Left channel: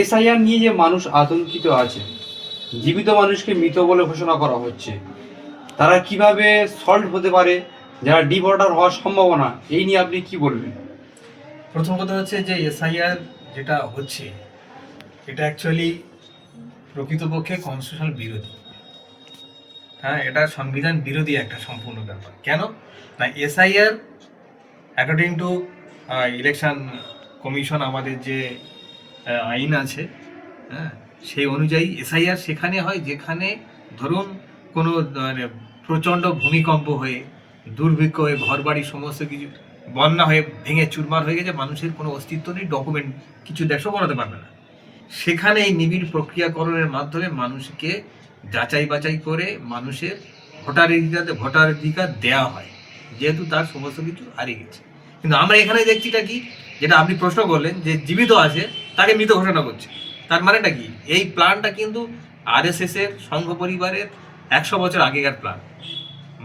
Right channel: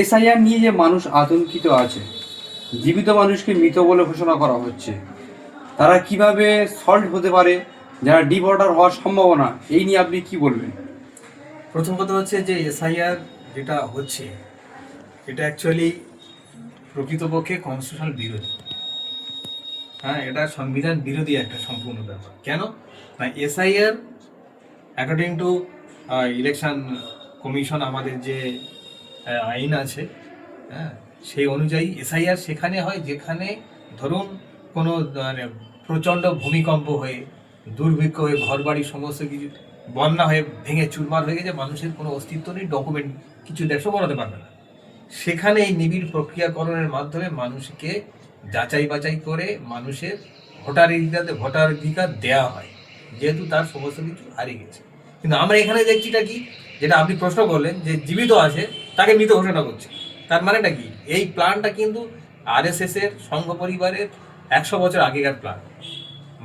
SIR নিয়ে যে মানুষ আতঙ্কিত আছে, জীবিত মানুষকে মৃত বলে ঘোষণা করা হচ্ছে, তারা কিভাবে সল্ভ হতে পারে, যারা ডিভোটার হওয়ার সম্ভাবনা, এই নিয়ে আপনি কি বলবেন? প্রথম কথা হচ্ছে যে এসআইআর যেটা হচ্ছে এটা অ্যাকচুয়ালি প্রকৃতপক্ষে কনস্টিটিউশনাল বিরোধী। হ্যাঁ, এটা সংবিধান বিরোধী একটা সম্পূর্ণ ব্যাপার। কেন না, SIR according to election commission আমাদের যে আইন আছে, হ্যাঁ, সেই অনুযায়ী এসআইআর সেখানে হয় যেখানে ধরুন কোনো মানে প্রচণ্ড ভূমিকম্প হয়ে, দুর্ভিক্ষ হয়ে, ঘরবাড়ি সমস্ত কিছু বন্যা হয়ে ভেঙে চুরমার হয়ে গেছে, মানুষের কোনো অস্তিত্ব নেই, ডকুমেন্ট কিছু দেখো করাতে পারবে না। সেখানে এই নিবিড় প্রক্রিয়াকরণের মাধ্যমে মানুষকে যাচাই বাছাই করে মানুষের ভোটাধিকার দেওয়া হয়, যেহেতু তার সমস্ত কিছু হারিয়ে গেছে। কিন্তু আমরা এখানে দেখছিটা কি, যেটা আপনি প্রশ্ন করলেন যে জীবিত আছে তাকে মৃত ঘোষণা করছে, তার মানেটা কি? এই প্ল্যানটা কিন্তু আরএসএস এর সংঘ পরিবারের 100 বছর আগেকার প্ল্যান।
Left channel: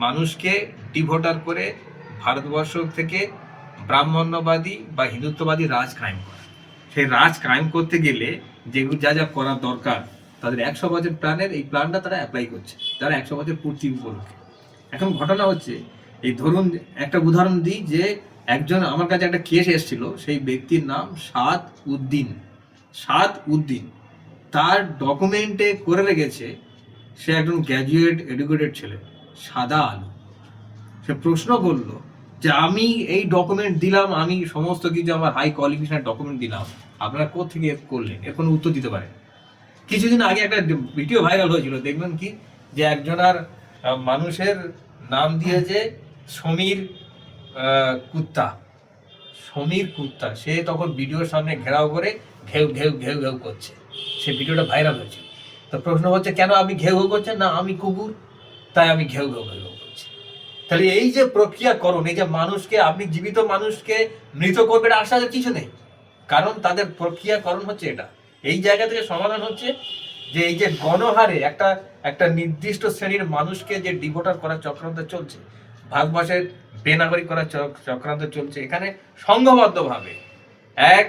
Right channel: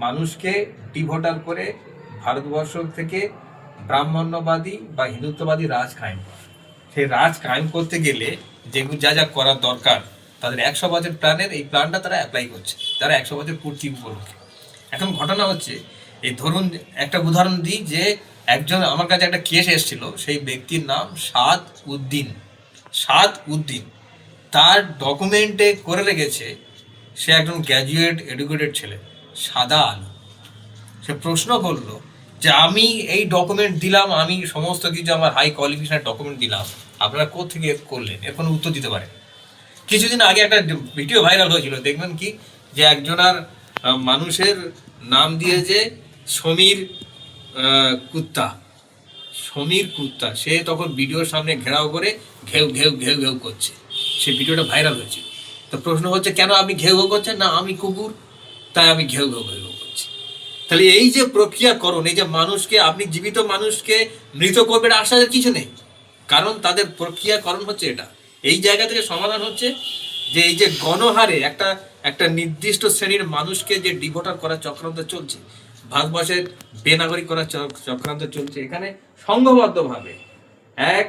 মানুষকে ডিভোটার করে ভারতবর্ষ থেকে ব্রাহ্মণ্যবাদী বা হিন্দুত্ববাদী রাজ কায়েম করা। সেই রাজ কায়েম করতে গেলে যেগুলো যা যা করার দরকার, তাদের 100 বছর প্ল্যানের এই প্ল্যানটা তারা অ্যাপ্লাই করছে, তারা 100 বছর পূর্তি উপলক্ষে। এখন ঘটনা হচ্ছে, এই ধরুন একটা উদাহরণ দিই, যে একজন আমার কাছে একটা কেস এসেছিল, সেই ব্যক্তির নাম সাদ উদ্দিন। তার ডকুমেন্টে করে রেখেছে সে একজন গ্র্যাজুয়েট এডুকেটেড ছেলে, সাদা আলু। সে প্রশ্ন করলো যে আমি এই ডকুমেন্ট দিলাম, আমি সমস্ত কিছু আমার হাই কোয়ালিফিকেশনের ডকুমেন্ট দিলাম, আপনারা কোত্থেকে করলেন? এর কোনো উত্তর দিতে পারে। কিছুদিন আগে একটা ভিডিও ভাইরাল হয়েছিল, দেখবেন কি, যে একজনার মানুষের নাম দিয়েছে সমীর কুত্তা। সে তখন ভিডিওর সামনে ঘেরাও করে ঘেউ ঘেউ ঘেউ ঘেউ করছে। সে ভিডিওটা ভাইরাল হয়েছিল। তো প্রশ্ন হচ্ছে, কেন আপনি ঘেউ ঘেউ করছেন? না, আমি কুকুর, তাই আমি ঘেউ ঘেউ ঘেউ করছি। তাহলে এই যে প্রক্রিয়াকরণ, এই যে মানুষকে, আপনি জীবিত মানুষকে মৃত করবেন আশ্বাসের কিছু নেই, কারণ তাদের প্রক্রিয়াকরণ হচ্ছে এটা। এই জায়গা থেকে সমাধান হচ্ছে যে এই যে গণহারে একটা নির্দিষ্ট শ্রেণীর মানুষকে যে ডিভোটার করার চক্রান্ত চলছে, ভারতবর্ষের বেনাগরিক করার চক্রান্ত চলছে, এখানে সংঘবদ্ধভাবে এক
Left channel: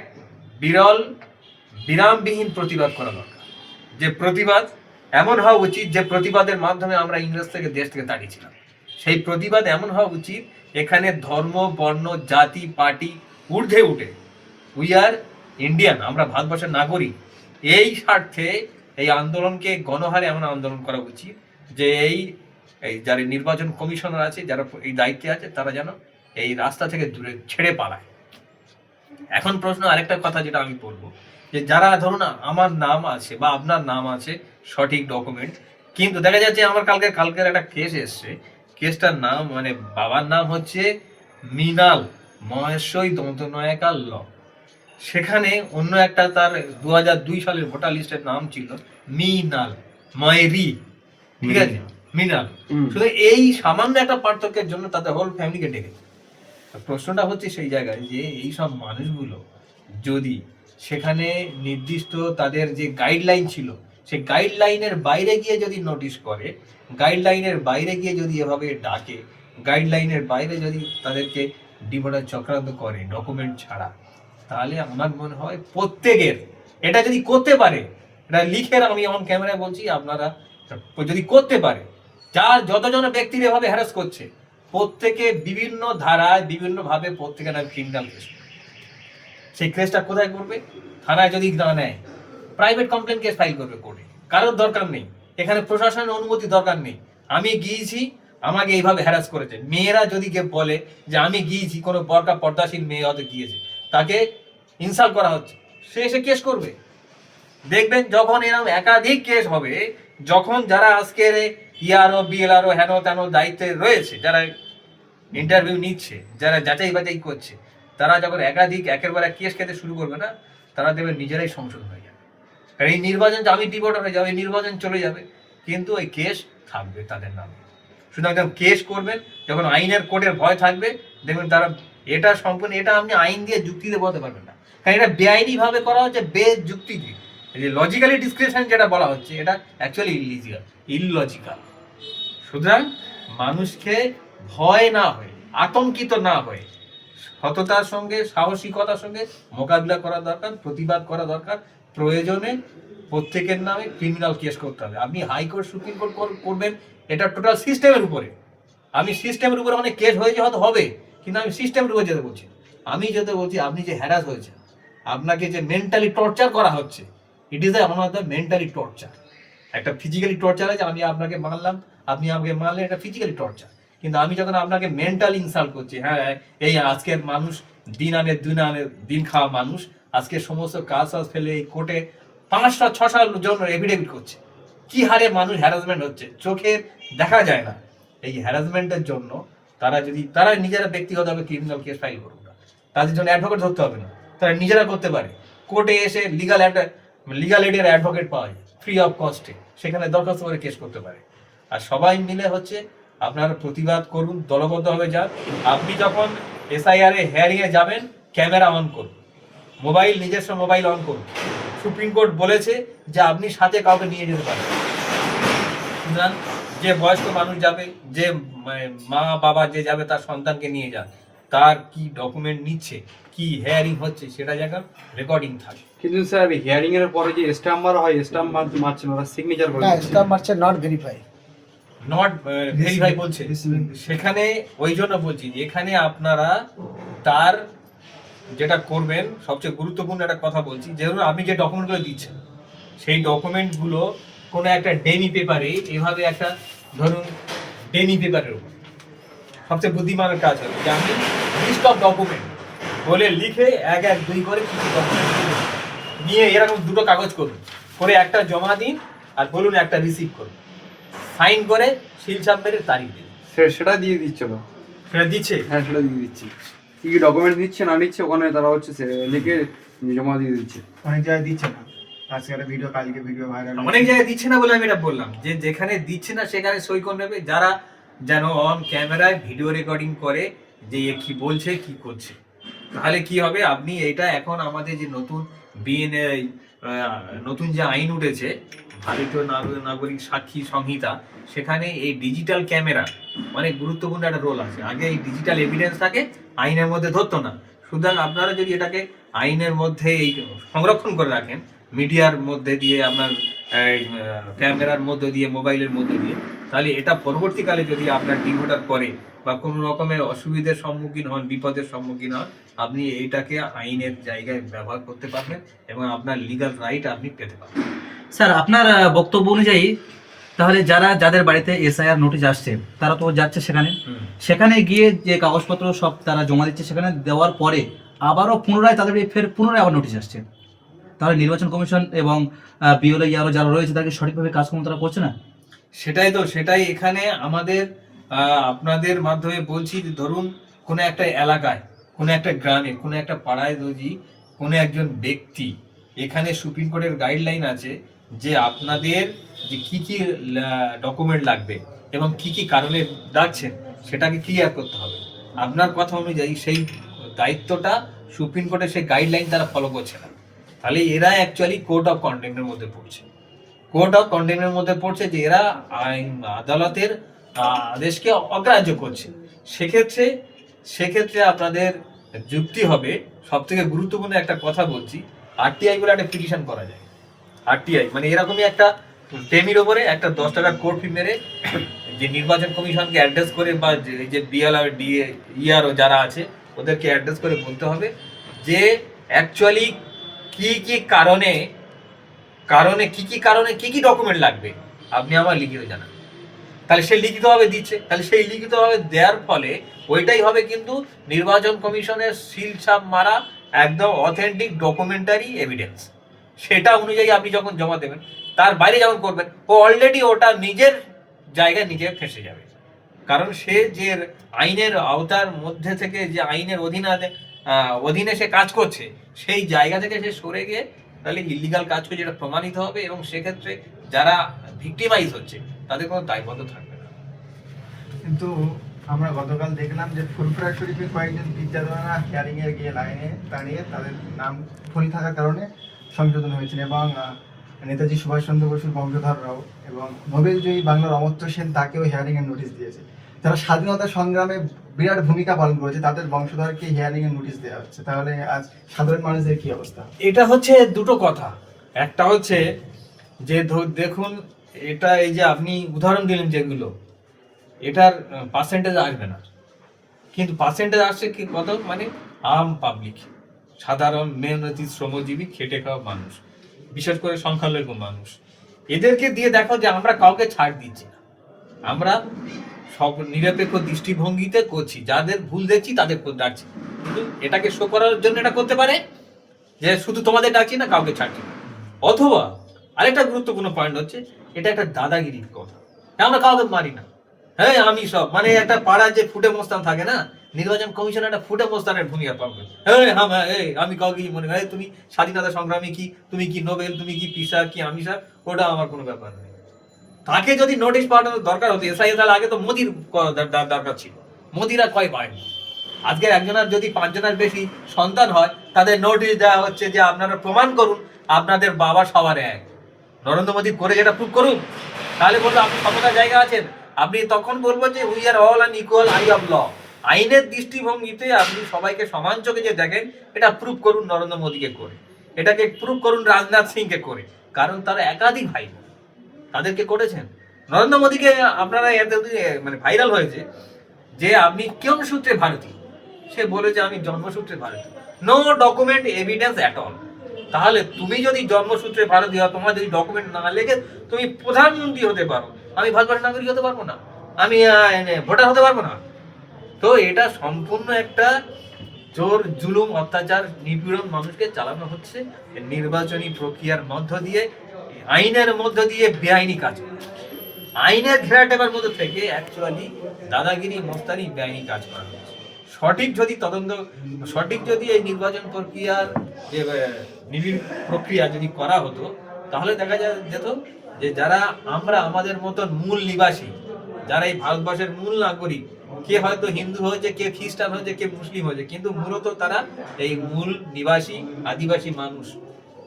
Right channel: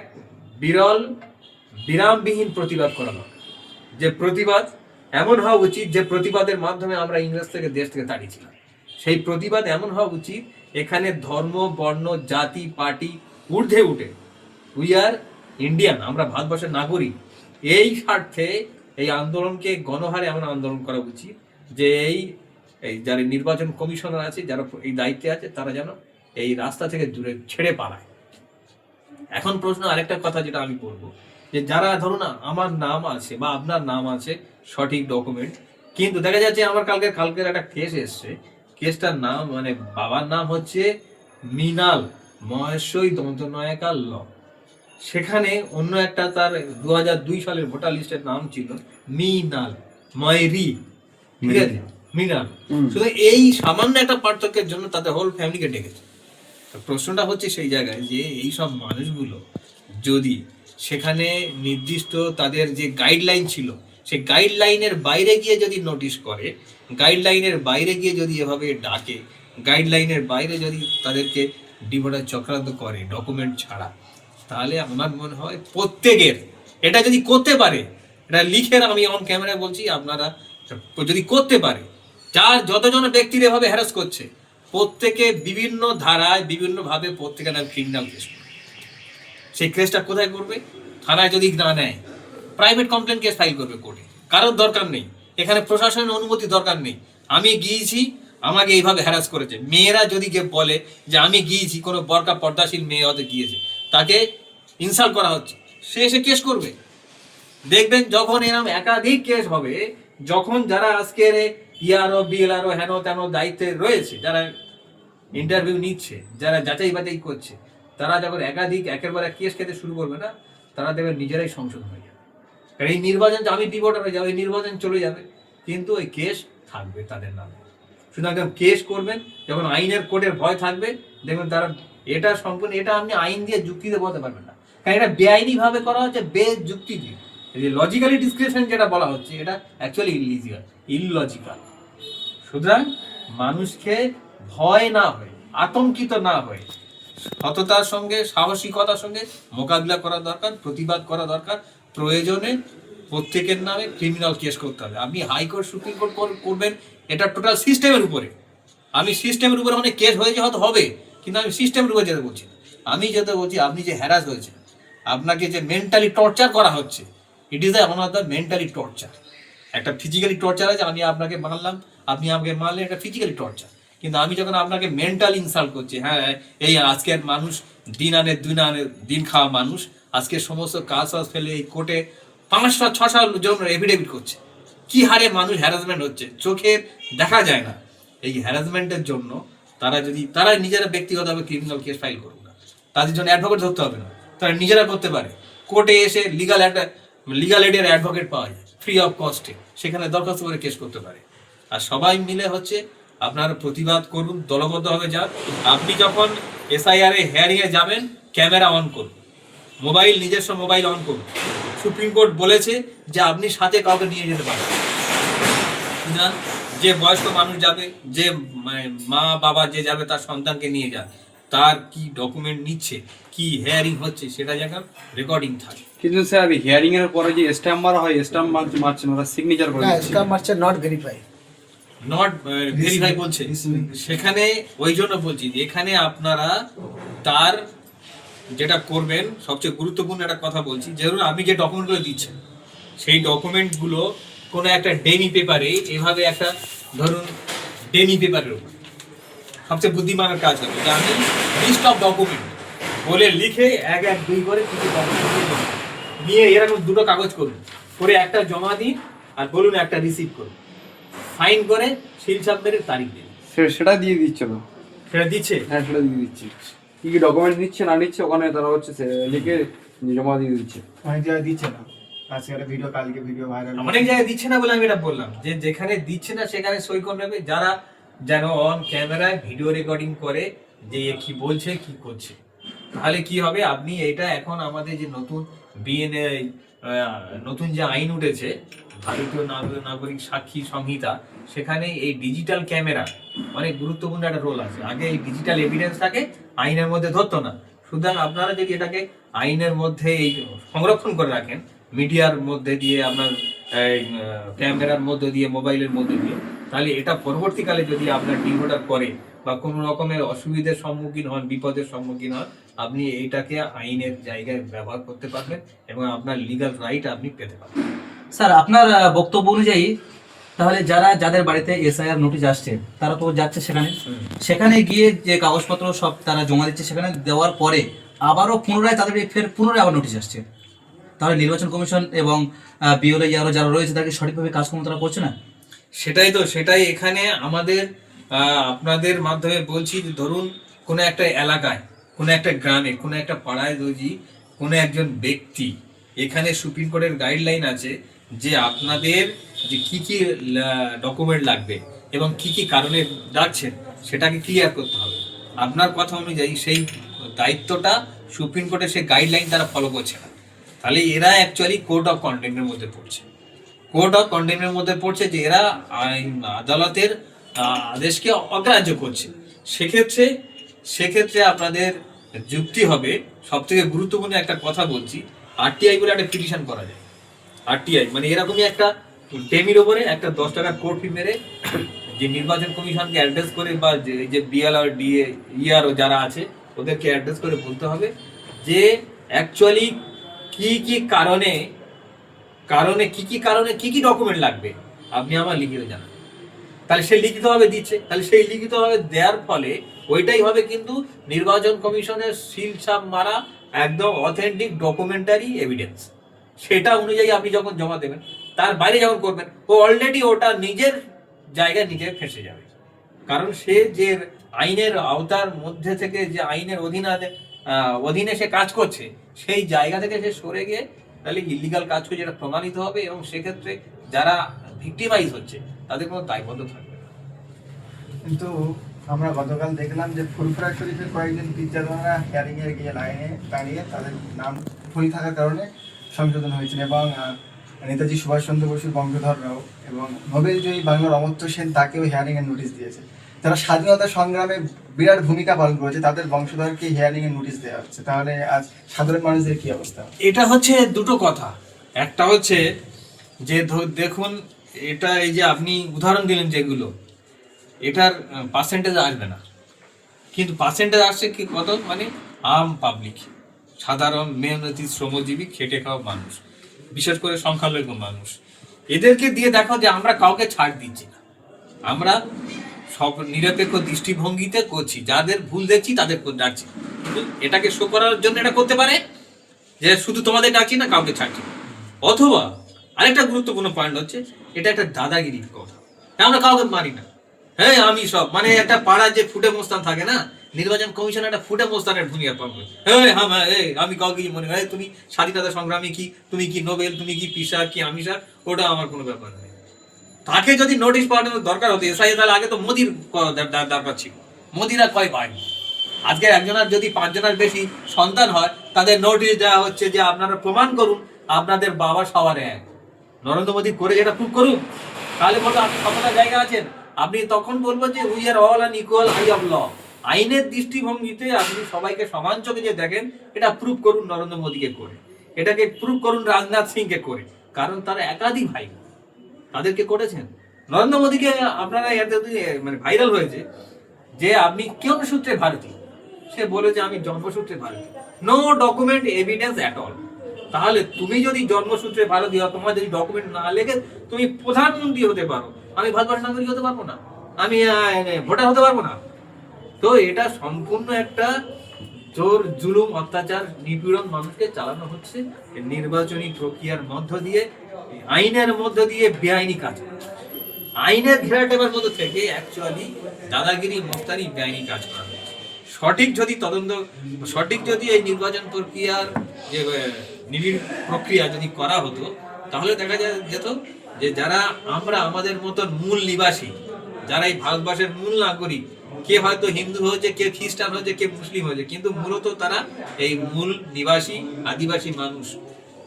বিরামবিহীন প্রতিবাদ করা দরকার। যে প্রতিবাদ এমন হওয়া উচিত, যে প্রতিবাদের মাধ্যমে আমরা ইংরেজ থেকে দেশ থেকে তাড়িয়েছিলাম, সেই প্রতিবাদ এমন হওয়া উচিত এখানে ধর্ম, বর্ণ, জাতি, পার্টি ঊর্ধ্বে উঠে উই আর ইন্ডিয়ান, আমরা ভারতবর্ষের নাগরিক, এই স্বার্থে এই আন্দোলনকে গণহারে এমন আন্দোলন করা উচিত যে এই যারা নির্বাচন কমিশনার আছে, যারা এই দায়িত্বে আছে, তারা যেন এই রাস্তা থেকে দূরে ছেড়ে পালায়। এখন প্রশ্ন আরেকটা কথা যেটা আমি বলবো, যে যারা ধরুন আমার নাম আছে বা আপনার নাম আছে, সঠিক ডকুমেন্ট, কিন্তু দেখা যাচ্ছে আমার কালকের একটা কেস এসছে, কেসটার নাম মানে বাবার নাম হচ্ছে মৃণাল মহেশ্বরী দন্তনায়কা ল। সেখানে অন্য একটা তার 2002 সালের ভোটার লিস্টের নাম ছিল মৃণাল ময়রি, ঠিক আছে, মৃণাল। শুধু এই সামান্য একটা পার্থক্যের জন্য তাদের হোল ফ্যামিলিকে ডেকেছে। প্রশ্নটা হচ্ছে সেই জায়গায় যে এই সব মানুষগুলো যদি সেখানে নির্দিষ্ট তাদের যে গাইডলাইন ছিল, সেই গাইডলাইনের বাইরে গিয়ে যদি নোটিশ করে, গাইডলাইনের বাইরে গিয়ে যদি এভাবে ডাকে, গাইডলাইনের বাইরে যদি তাদেরকে ডিভোটার চক্রান্ত করে ডকুমেন্ট ছাড়া, তাহলে আমার মনে হয় প্রত্যেকের এটা যদি করতে পারে, এটা লিখে আমি অন ক্যামেরায় বলছি, আপনারা যদি করতে পারে, যার যতজন ব্যক্তির এভাবে হ্যারাস করছে, প্রত্যেকে বিভিন্ন ধারায় বিভিন্নভাবে প্রত্যেকে নাম ক্রিমিনাল কেস করবে। সেই কেসটা কোথায় করবে? থানায় যদি না নেয়, প্রাইভেট কমপ্লেন কেস ফাইল করবে কোর্টে। কারোর দরকার নেই, এখানে প্রশাসনের অনুমতি দরকার নেই। আমি গিয়েছি, আমাকে এইভাবে হ্যারাস করেছে। মেয়েরা যদি কেউ বলে যে আমি গিয়েছি, কোনো বরকা পর্দাশীল মেয়ে হতে গিয়েছে, তাকে ইনসাল্ট করা হচ্ছে, সে এসে কেস করবে। দেখবেন যখন এরকম একাধিক কেস হবে, যখন যারা আজকের ইআরও বিএলআরও হেন তেন দায়িত্বে রয়েছে, যারা ইন্টারভিউ নিচ্ছে, যারা যাচাই বাছাই করছে, তারা যখন একের পর এক কেস খেতে শুরু করবে না, তারা দেবে নিজেরাই সংশোধন হয়ে যাবে। কারণ এই নির্বাচন, আমি ডিভোটার হয়ে যাবে, নির্বাচন চলে যাবে, কিন্তু ওই কেস থাকবে তাদের নামে। সুতরাং যখন কেস করবেন, যখন আইনের কোর্টের ভয় থাকবে, দেখবেন তারা এটা সম্পূর্ণ, এটা আপনি আইন দিয়ে যুক্তি দিয়ে বলতে পারবেন না, কারণ এটা বেআইনিভাবে করা হচ্ছে, বেযুক্তি দিয়ে। যে লজিক্যালি ডিসক্রিপশন যেটা বলা হচ্ছে, এটা অ্যাকচুয়ালি ইললজিক্যাল। সুতরাং মানুষকে ভয় না হয়ে, আতঙ্কিত না হয়ে, সততার সঙ্গে সাহসিকতার সঙ্গে মোকাবিলা করা দরকার, প্রতিবাদ করা দরকার। প্রয়োজনে প্রত্যেকের নামে ক্রিমিনাল কেস করতে হবে। আপনি হাইকোর্ট সুপ্রিম কোর্ট করবেন, এটা টোটাল সিস্টেমের উপরে। আমি সিস্টেমের উপরে অনেক কেস হয়েছে, হয়তো হবে, কিন্তু আমি সিস্টেমের উপরে যেতে বলছি না। আমি যেতে বলছি, আপনি যে হ্যারাস হয়েছে, আপনাকে যে মেন্টালি টর্চার করা হচ্ছে, it is one of the mentally torture. একটা ফিজিক্যালি টর্চার আছে, আমি আপনাকে মানলাম, আপনি আমাকে মানলেন, এটা ফিজিক্যালি টর্চার। কিন্তু আমি যখন আপনাকে মেন্টালি ইনসাল্ট করছি, হ্যাঁ এই আজকের মানুষ দিন খাওয়া মানুষ আজকে সমস্ত কাজ ফেলে এই কোর্টে 500-600 জন এফিডেভিট করছে, কি হারে মানুষ হ্যারাসমেন্ট হচ্ছে, চোখে দেখা যায় না। এই হ্যারাসমেন্টের জন্য তারা নিজেরা ব্যক্তিগতভাবে ক্রিমিনাল কেস ফাইল করুক না, তাদের জন্য অ্যাডভোকেট ধরতে হবে না, তারা নিজেরা করতে পারে। কোর্টে এসে লিগাল এডের অ্যাডভোকেট পাওয়া যায় ফ্রি অফ কস্টে, সেখানে দরখাস্ত করে কেস করতে পারে। আর সবাই মিলে আপনারা প্রতিবাদ করুন, দলবদ্ধভাবে যান। আপনি যখন এসআইআর হেয়ারিং এ যাবেন, ক্যামেরা অন করুন, নিজস্ব মোবাইল অন করুন। সুপ্রিম কোর্ট বলেছে যে আপনি সাথে কাউকে নিয়ে যেতে পারেন না, যে বয়স্ক মানুষ যাবে, যে মা বাবা যে যাবে তার সন্তানকে নিয়ে যান, তার কি ডকুমেন্ট নিচ্ছে, কি হেয়ারিং হচ্ছে, সেটা যেন রেকর্ডিং থাকে। কিন্তু স্যার হিয়ারিং এর পরে যে স্ট্যাম্প মারা হয়, স্ট্যাম্প মারছে না, সিগনেচার করে দিচ্ছে। স্ট্যাম্প মারছে নট ভেরিফাই বলছে। সেখানে ওই জন্য বলছি যে এখানে আপনারা তার যেটা করবেন, সবচেয়ে গুরুত্বপূর্ণ একটা কথা বলছি, যেমন আপনি যে ডকুমেন্টগুলো দিচ্ছেন, সেই ডকুমেন্টগুলো কোনো একটা ডেমি পেপারে, এভাবে একটা ধরুন ডেমি পেপারের উপর সবচেয়ে বুদ্ধিমানের কাজ হবে যে আমি লিস্ট অফ ডকুমেন্ট বলে লিখে 1-1-2 করে কিছু ডকুমেন্ট নিয়ে এরকম 2টো কাগজ করুন, করে একটা জমা দিন আর বলুন একটা রিসিভ করুন, সাইন করে সিল চাপ মেরে তারিখ দিন। সেটা দিয়ে দিচ্ছে তো, সেটা দিচ্ছে, হ্যাঁ সেটা দিয়ে দিচ্ছি। কি কি ডকুমেন্ট নিচ্ছে না নিচ্ছে ওখানে তারা লিখে জমা দিয়ে দিচ্ছে। অনেক জায়গায় দিচ্ছে না, আজকে একটা ভিডিও, কালকে ভিডিও ভাইরাল। অনেক জায়গায় দিচ্ছে না বলে আমি এটা বললাম, যে যেখানে দিচ্ছে না সেখানে সই করে নেবে, যারা যেন অন ক্যামেরায় ভিডিও রেকর্ডিং করে যে এ কি বলছে কি করছে। তাহলে কি হবে, আপনি এটা এখন আমাদের যে নতুন যে আইন উঠেছে, ভারতীয় নাগরিক সাক্ষী সংহিতা, সেখানে এই ডিজিটাল ক্যামেরা অনেক গুরুত্বপূর্ণ একটা রোল আছে। আগে এই ডিজিটাল এভিডেন্সটাকে আইনের মধ্যে ধরতো না। সুতরাং আপনারা যদি এটাকে আইনের মধ্যে এই সংরক্ষণ করে রাখেন, মিডিয়ার মধ্যে দিয়ে, আপনার ক্যামেরার মধ্যে দিয়ে, মোবাইলের মধ্যে দিয়ে, তাহলে এটা পরবর্তীকালে যদি আপনার ডিভোটার করে বা কোনো রকমের অসুবিধার সম্মুখীন হন, বিপদের সম্মুখীন হন, আপনি এইটাকে আইনের জায়গায় ব্যবহার করতে পারবেন এবং আপনার লিগ্যাল রাইট আপনি পেতে পারবেন। স্যার, আপনার বক্তব্য অনুযায়ী তাহলে যাদের বাড়িতে এসআইআর নোটিশ আসছে তারা তো যাচ্ছে সেখানে গিয়ে যে কাগজপত্র সব তারা জমা দিচ্ছে, সেখানে দেওয়ার পরে আবারও পুনরায় তাদের পুনরায় আবার নোটিশ আসছে, তাহলে নির্বাচন কমিশন এবং বিএলও আরো যারা রয়েছে তাদেরকে সঠিকভাবে কাজকর্ম তারা করছে না। সেটাই এখানে আমাদের আপনাদের মাধ্যমে বলছি যে ধরুন কোনো একটা এলাকায়, কোনো একটা গ্রামে, কোনো একটা পাড়ায় যদি কোনো একজন ব্যক্তি, এখানে সুপ্রিম কোর্টের গাইডলাইন আছে যে আপনাদের যে কি কি ডকুমেন্ট লাগবে এবং কি কি কারণে ডাকছেন সেটাকে ক্লিয়ার করতে হবে। আপনার কথা অনুযায়ী সেই দায়িত্বটা সুপ্রিম কোর্টের সেই গাইডলাইন তারা ফলো করছে না, তাহলে এরা অ্যাকচুয়ালি কোর্ট অফ কন্টেম্পের মধ্যে পড়ছে, যে এরা আদালতের আদেশকে অগ্রাহ্য করছে। সেক্ষেত্রে আপনাদের যুক্তি হবে, সব থেকে গুরুত্বপূর্ণ একটা কথা বলছি, আরটিআই বলে একটা পিটিশন করা যায়। আরটিআই মানে এরকমই একটা টেমির ওপরে একটা 10 টাকার কোর্ট ফি মেরে যে নির্বাচন কমিশনকে অ্যাড্রেস করে, বা যে বিএলআর ইআরও যারা আছে ওদেরকে অ্যাড্রেস করে বলতে হবে যে অ্যাকচুয়ালি কি কি কারণে কি কি ডকুমেন্ট লাগবে আপনি আমার লিখিত জানান। তাহলে সে লিখিতভাবে দিচ্ছে, তাহলে সেই লিখিতভাবে দেওয়ার ফলে ওইটাই হবে কিন্তু নির্বাচন কমিশনের সিল ছাপ মারা একদম অথেন্টিক ডকুমেন্টারি এভিডেন্স। সেটা অনুযায়ী আপনি যখন জমা দেবেন, তার বাইরে যখন করবেন, ও অলরেডি ওটা নিজের জায়গায় নিজে ফেঁসে যাবে। কারণ সে যে আইনের আওতার মধ্যে থেকে, যে আইনের অধীনে সে কাজ করছে, সেই জায়গা থেকে সে সরে গিয়ে তাহলে ইলিগাল কাজ করছে, যেটা প্রমাণিত হবে, এবং সেক্ষেত্রে যারা ভিক্টিমাইজ হচ্ছে তাদের কোনো দায়বদ্ধ থাকবে না। কিন্তু আমরা গতকাল দেখলাম যে ফুলপুরা শরীফের কয়েকজন টিচাররা হিয়ারিং এ গিয়ে লাইনে দাঁড়িয়ে তাদের নাম ভুল থাকার কারণে সংশোধন হয়েছে, এবং নেতাজি সুভাষচন্দ্র বসুর বংশধররাও এবং নোবেলজয়ী বাংলার অমর্ত্য সেন তাকেও হিয়ারিং এর নোটিশ দিয়েছে। যারা স্বাধীনতা সংগ্রামে বিরাট ভূমিকা পালন করেছে, তাদের বংশধরকে হিয়ারিং এর নোটিশ দেওয়া হচ্ছে, তাহলে আজ সাধারণ মানুষদের কি অবস্থা? এটা হচ্ছে দুটো কথা। একটা হচ্ছে যে দেখুন, এটা এই যে আপনি উদাহরণ দিলেন যেগুলো, এটার পার্সেন্টেজ আসবে না, কিন্তু পার্সেন্টেজ আসছে কি কত, মানে আম পাবলিক, সাধারণ মেহনতি শ্রমজীবী খেটে খাওয়া মানুষ, বিশেষ করে সংখ্যালঘু মানুষ, এদেরকে দিয়ে দেখো যে আমরা কাউকে ছাড় দিচ্ছি না, আমরা সব নিরপেক্ষ দৃষ্টিভঙ্গিতে করছি, যাদের ভুল দেখছি তাদের ডাকছি। কিন্তু এটাকে শো করার জন্য এটা করতে পারে যে শুধু তোমাদের ডাকছি না, কাউকে ছাড়ছি না। অথবা আরেকটা গুরুত্বপূর্ণ পয়েন্ট হচ্ছে, এটা একটা দাদাগিরির কথা, আমরা কাউকে মারি না, হ্যাঁ আমি সব, মানে একটা পাড়ার যে ফুটে মোস্তান থাকে না, নির্বাচন কমিশন একটা ফুটে মোস্তানের ভূমিকা পাবে, আমি কাউকে মনে হয় তুমি স্বাধীনতা সংগ্রামী কি, তুমি কি নোবেল, তুমি কি পিসা কি আমিষা, ওটা আমার কোনো ব্যাপার নেই। তাকে যদি নোটিশ পাঠানোর দরকার হতো এসআই, তাহলে আগে তো মোদির দরকার ছিল, মোদিরা কয় পায়নি। আজকে একজনের যদি 5 জনের বেশি সন্তান হয়, তাদের নোটিশ দেওয়া হচ্ছে যে আপনারা প্রমাণ করুন আপনাদের বাবা সবার এক। নরেন্দ্র মোদী করে যেটা প্রুভ করুন, তাহলে বলবো আপনি ক্ষমতার জায়গা আছেন, আপনি তখন বলবো যে we are all an equal eye of law. আইনের দৃষ্টিভঙ্গিতে আপনি সবাইকে সমান চোখে যে দেখেন, এটা প্রুভ করুন নরেন্দ্র মোদীকে করে, এটাকে প্রুভ করুন রাজনাথ সিংকে করে, কারণ তারা একাধিক ভাই, তাদেরকে করেছেন। নরেন্দ্র মোদীকে আপনারা এতদিন মানে ভাইরাল হয়েছে যে আপনি কোন সূত্রে ভারতীয়, সে বলে যে আমি জন্মসূত্রে ভারতীয়, no document evidence at all. তাহলে তুমি যদি জন্মসূত্রে ভারতীয়, তোমার যদি ডকুমেন্ট না লেগে তুমি প্রধানমন্ত্রী হতে পারো, আমি ভারতবর্ষের নাগরিক হতে পারবো না, আমি ভোটার হতে পারবো না। তো এটা সম্পূর্ণ একটা জোর জুলুম অত্যাচার নিপীড়ন মানুষকে চালানো হচ্ছে নির্বাচনী প্রক্রিয়ার মধ্য দিয়ে, আইনের মধ্য দিয়ে বেআইনি কাজ, আইনের ঘেরাটেবার মধ্যে থেকে অ্যাকচুয়ালি দাদাগিরি মস্তানি বেআইনি কাজ করা হচ্ছে। সঠিক যদি তদন্ত, সঠিক যদি এই নির্বাচন প্রক্রিয়ার যে নিবিড় প্রক্রিয়া যদি করা হতো, তাহলে দেখা যেত যে যারা আমরা আমাদের মতন মূল নিবাসী, যারা এই ভারতবর্ষের মূল নাগরিক, কে হয়তো হিন্দু হয়েছে, কে খ্রিস্টান হয়েছে, কে মুসলিম হয়েছে, কিন্তু মূলত তারা এই মূল নিবাসী আদিবাসী মানুষ,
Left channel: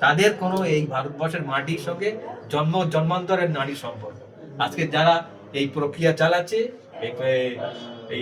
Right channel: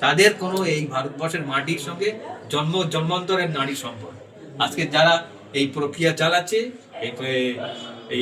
তাদের কোনো এই ভারতবর্ষের মাটির সঙ্গে জন্মান্তরের নারী সম্পর্ক। আজকে যারা এই প্রক্রিয়া চালাচ্ছে, এই